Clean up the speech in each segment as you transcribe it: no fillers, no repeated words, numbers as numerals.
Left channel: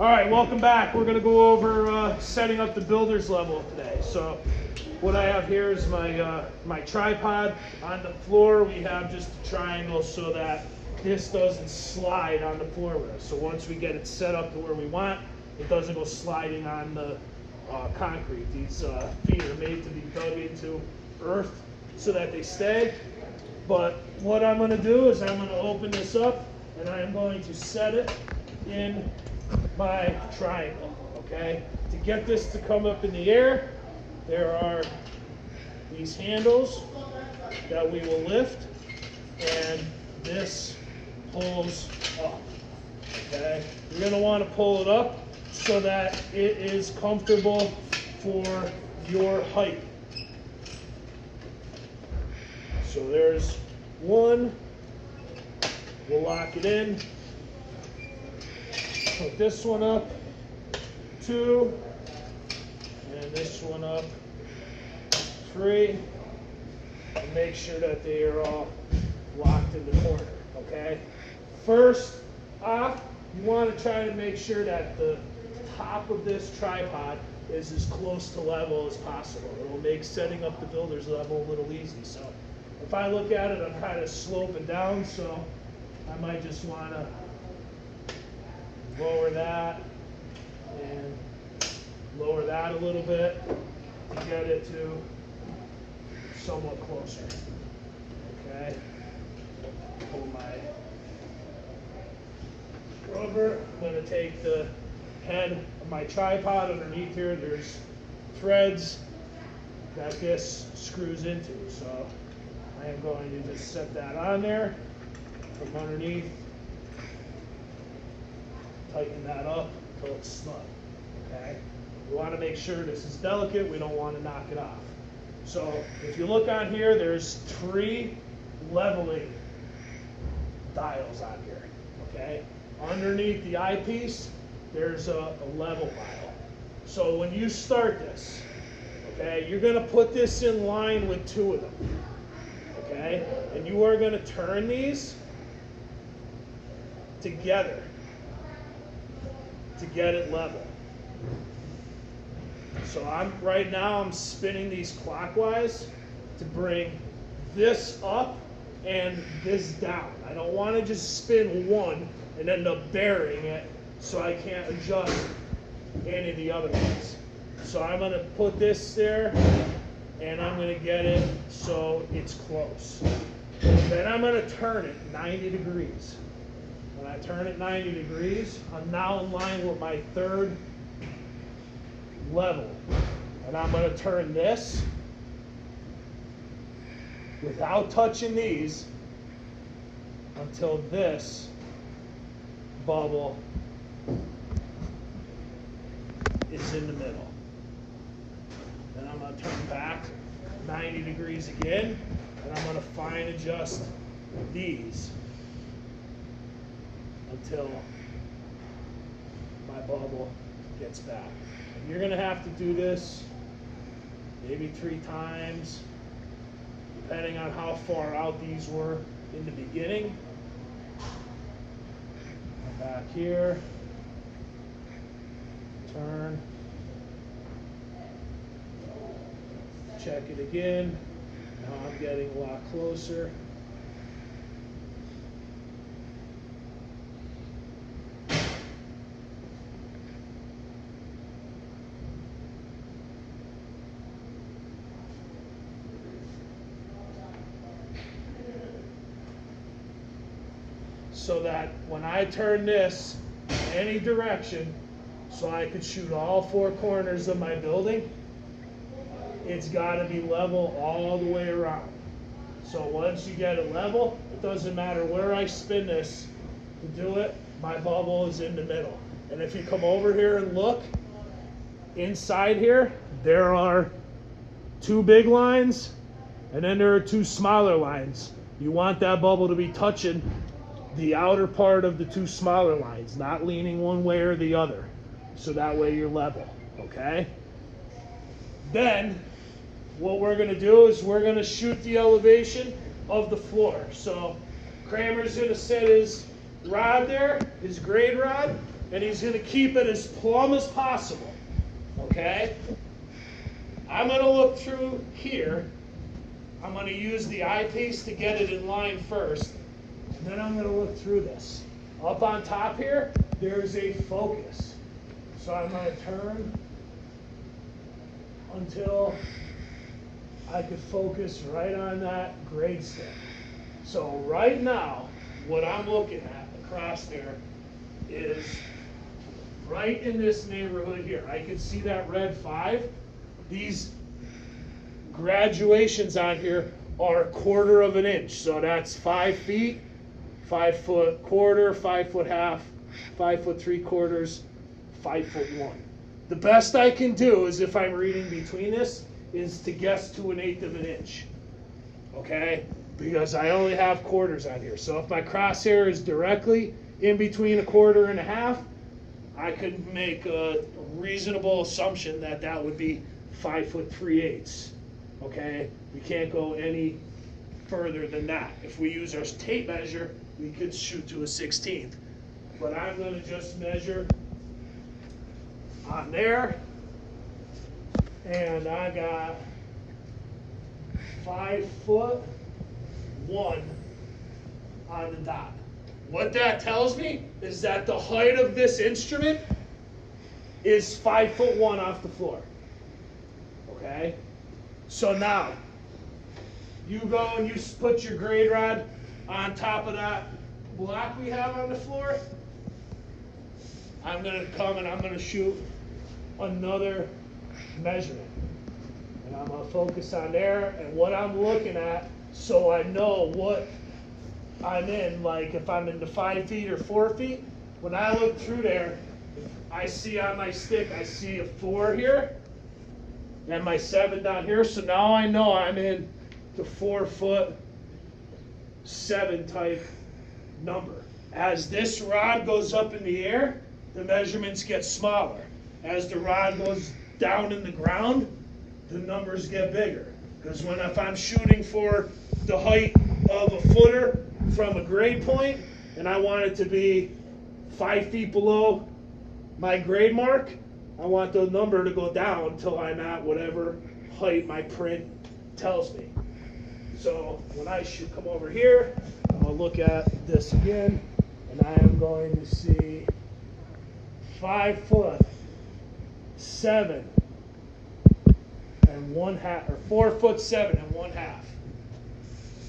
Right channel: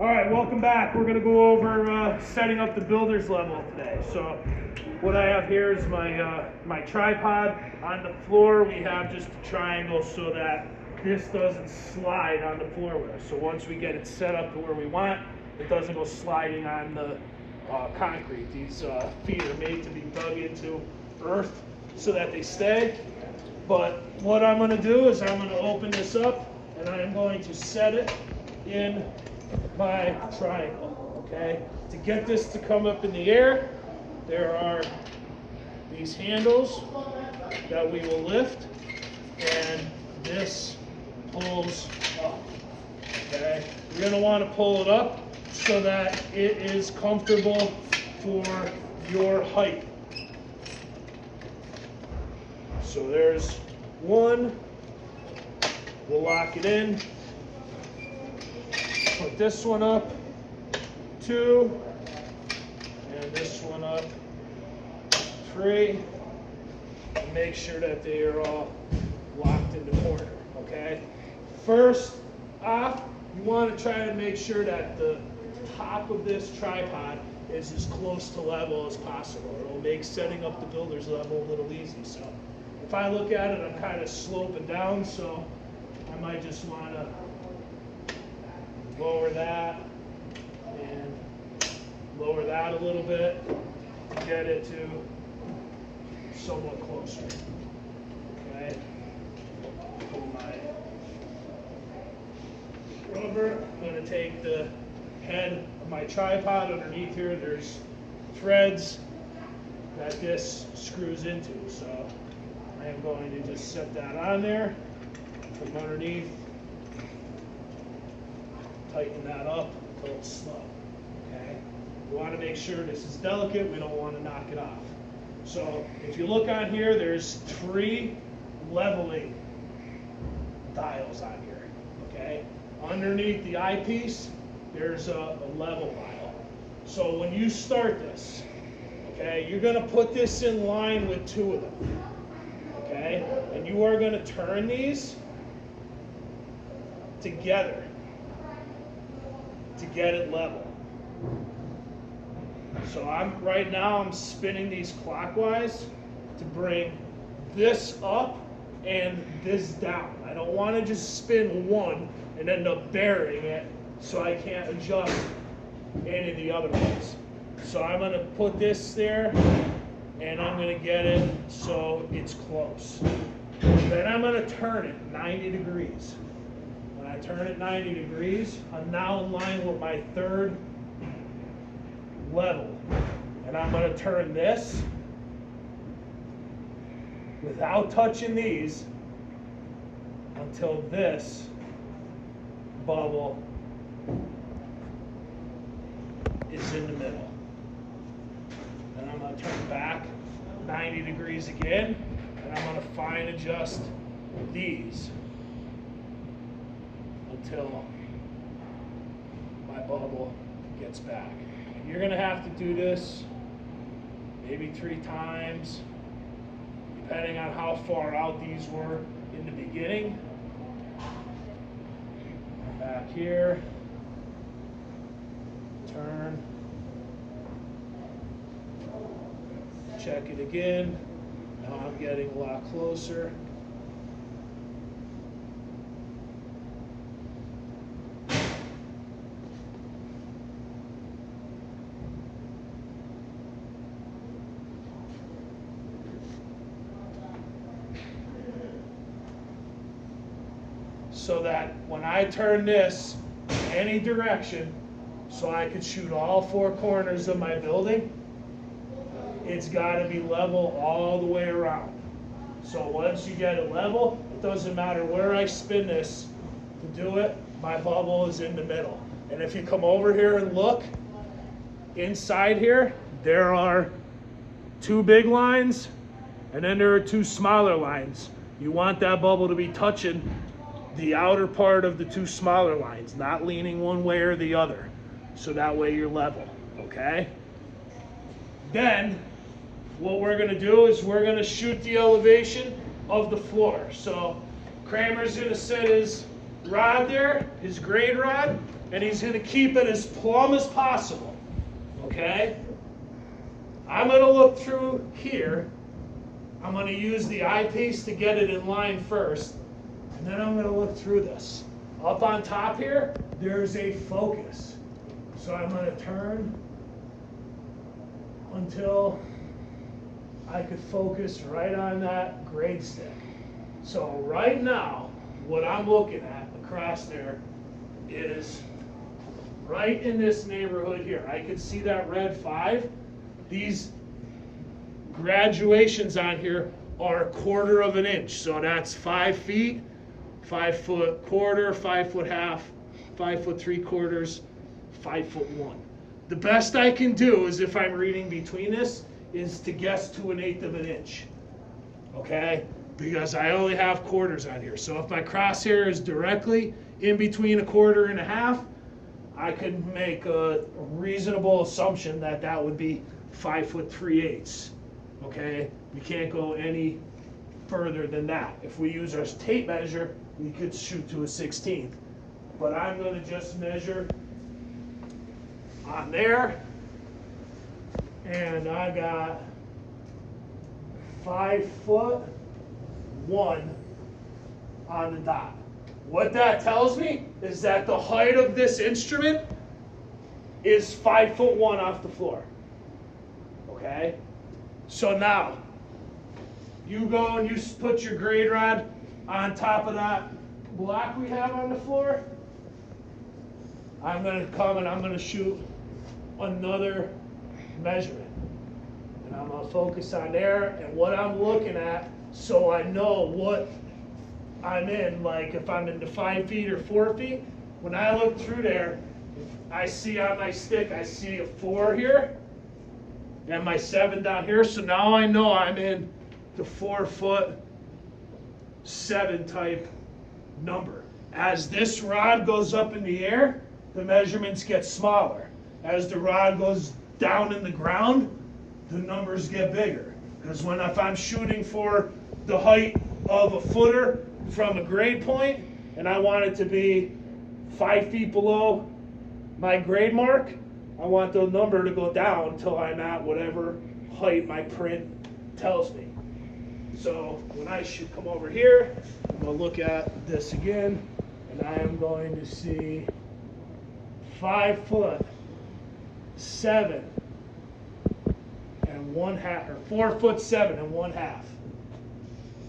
All right, welcome back. We're going to go over setting up the builder's level today. So what I have here is my tripod. On the floor, we have just a triangle so that this doesn't slide on the floor with us. So once we get it set up to where we want, it doesn't go sliding on the concrete. These feet are made to be dug into earth so that they stay. But what I'm going to do is I'm going to open this up and I'm going to set it in my triangle, okay? To get this to come up in the air, there are these handles that we will lift, and this pulls up, okay? You're gonna wanna pull it up so that it is comfortable for your height. So there's one, we'll lock it in. Put this one up, 2, and this one up, 3, and make sure that they are all locked in the corner, okay? First off, you want to try to make sure that the top of this tripod is as close to level as possible. It will make setting up the builder's level a little easy. So if I look at it, I'm kind of sloping down, so I might just want to lower that and lower that a little bit to get it to somewhat closer. Okay. Pull my rubber. I'm going to take the head of my tripod underneath here. There's threads that this screws into. So I am going to just set that on there from underneath. Tighten that up until it's snug, okay? We want to make sure this is delicate. We don't want to knock it off. So if you look on here, there's 3 leveling dials on here, okay? Underneath the eyepiece, there's a level dial. So when you start this, okay, you're going to put this in line with 2 of them, okay? And you are going to turn these together to get it level. So right now I'm spinning these clockwise to bring this up and this down. I don't want to just spin one and end up burying it so I can't adjust any of the other ones. So I'm going to put this there and I'm going to get it so it's close. Then I'm going to turn it 90 degrees. When I turn it 90 degrees, I'm now in line with my 3rd level. And I'm going to turn this without touching these until this bubble is in the middle. And I'm going to turn back 90 degrees again, and I'm going to fine adjust these until my bubble gets back. You're going to have to do this maybe 3 times, depending on how far out these were in the beginning. Back here, turn, check it again. Now I'm getting a lot closer. So that when I turn this in any direction, so I could shoot all 4 corners of my building, it's got to be level all the way around. So once you get it level, it doesn't matter where I spin this to do it, my bubble is in the middle. And if you come over here and look, inside here, there are 2 big lines, and then there are 2 smaller lines. You want that bubble to be touching the outer part of the 2 smaller lines, not leaning one way or the other. So that way you're level, okay? Then, what we're gonna do is we're gonna shoot the elevation of the floor. So Kramer's gonna set his rod there, his grade rod, and he's going to keep it as plumb as possible. Okay? I'm going to look through here. I'm going to use the eyepiece to get it in line first, and then I'm going to look through this. Up on top here, there's a focus. So I'm going to turn until I could focus right on that grade stick. So right now, what I'm looking at across there is right in this neighborhood here. I can see that red 5. These graduations on here are 1/4 of an inch. So that's 5 feet, 5 foot quarter, 5 foot half, 5 foot 3/4, 5 foot 1. The best I can do is, if I'm reading between this, is to guess to 1/8 of an inch. Okay? Because I only have quarters on here. So if my crosshair is directly in between 1/4 and 1/2, I could make a reasonable assumption that that would be 5 foot 3/8. Okay? We can't go any further than that. If we use our tape measure, we could shoot to a 1/16. But I'm going to just measure on there, and I got 5 foot 1 on the dot. What that tells me is that the height of this instrument is 5 foot 1 off the floor. Okay? So now, you go and you put your grade rod on top of that block we have on the floor. I'm going to come and I'm going to shoot another measurement. And I'm going to focus on there and what I'm looking at, so I know what I'm in. Like if I'm into 5 feet or 4 feet, when I look through there, I see on my stick, I see a 4 here and my 7 down here. So now I know I'm in the 4 foot 7 type number. As this rod goes up in the air, the measurements get smaller. As the rod goes down in the ground, the numbers get bigger. Because if I'm shooting for the height of a footer from a grade point, and I want it to be 5 feet below my grade mark, I want the number to go down until I'm at whatever height my print tells me. So when I come over here, I'm going to look at this again, and I am going to see 5 foot 7 and 1/2, or 4 foot 7 and 1/2.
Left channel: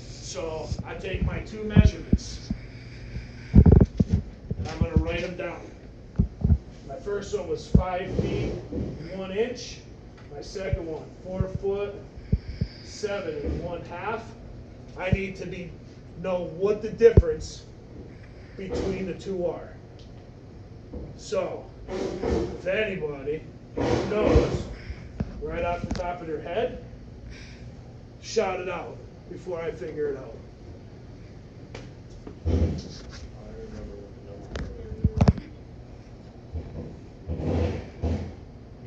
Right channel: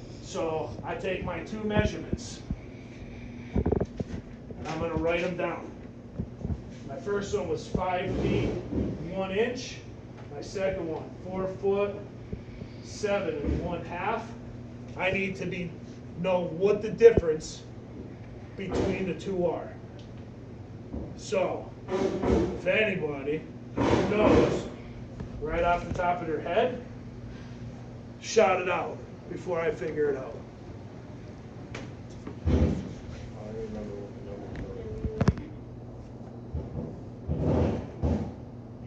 So I take my 2 measurements, and I'm going to write them down. My first one was 5 feet 1 inch. My second one, 4 foot 7 and 1/2. I need to know what the difference between the two are. So, if anybody knows right off the top of their head, shout it out before I figure it out.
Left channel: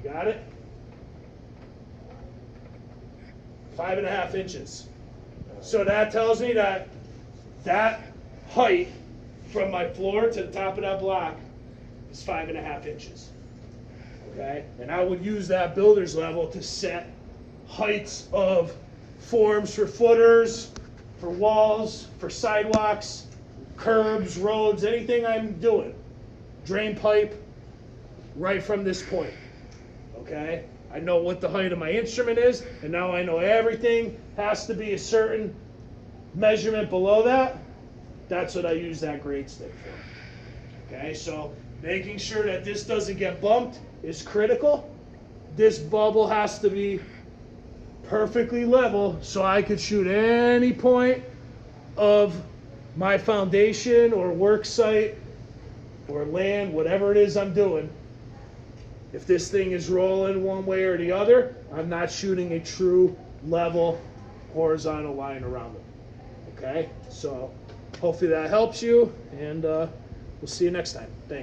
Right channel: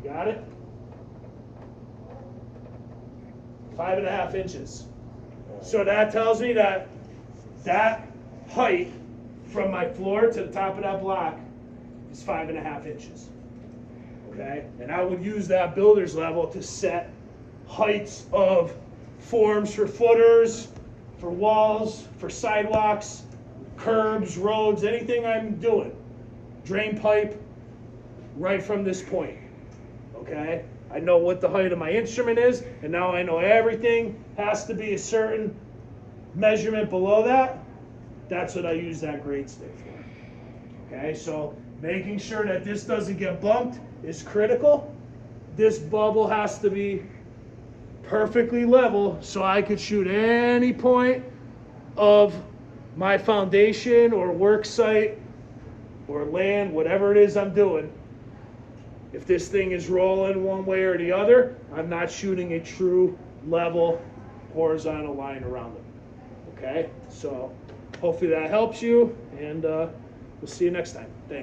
You got it? 5.5 inches. So that tells me that height from my floor to the top of that block is 5.5 inches. Okay? And I would use that builder's level to set heights of forms for footers, for walls, for sidewalks, curbs, roads, anything I'm doing. Drain pipe, right from this point. Okay? I know what the height of my instrument is, and now I know everything has to be a certain measurement below that. That's what I use that grade stick for. Okay, so making sure that this doesn't get bumped is critical. This bubble has to be perfectly level so I could shoot any point of my foundation or work site or land, whatever it is I'm doing. If this thing is rolling one way or the other, I'm not shooting a true level horizontal line around them. Okay, so hopefully that helps you, and we'll see you next time. Thanks.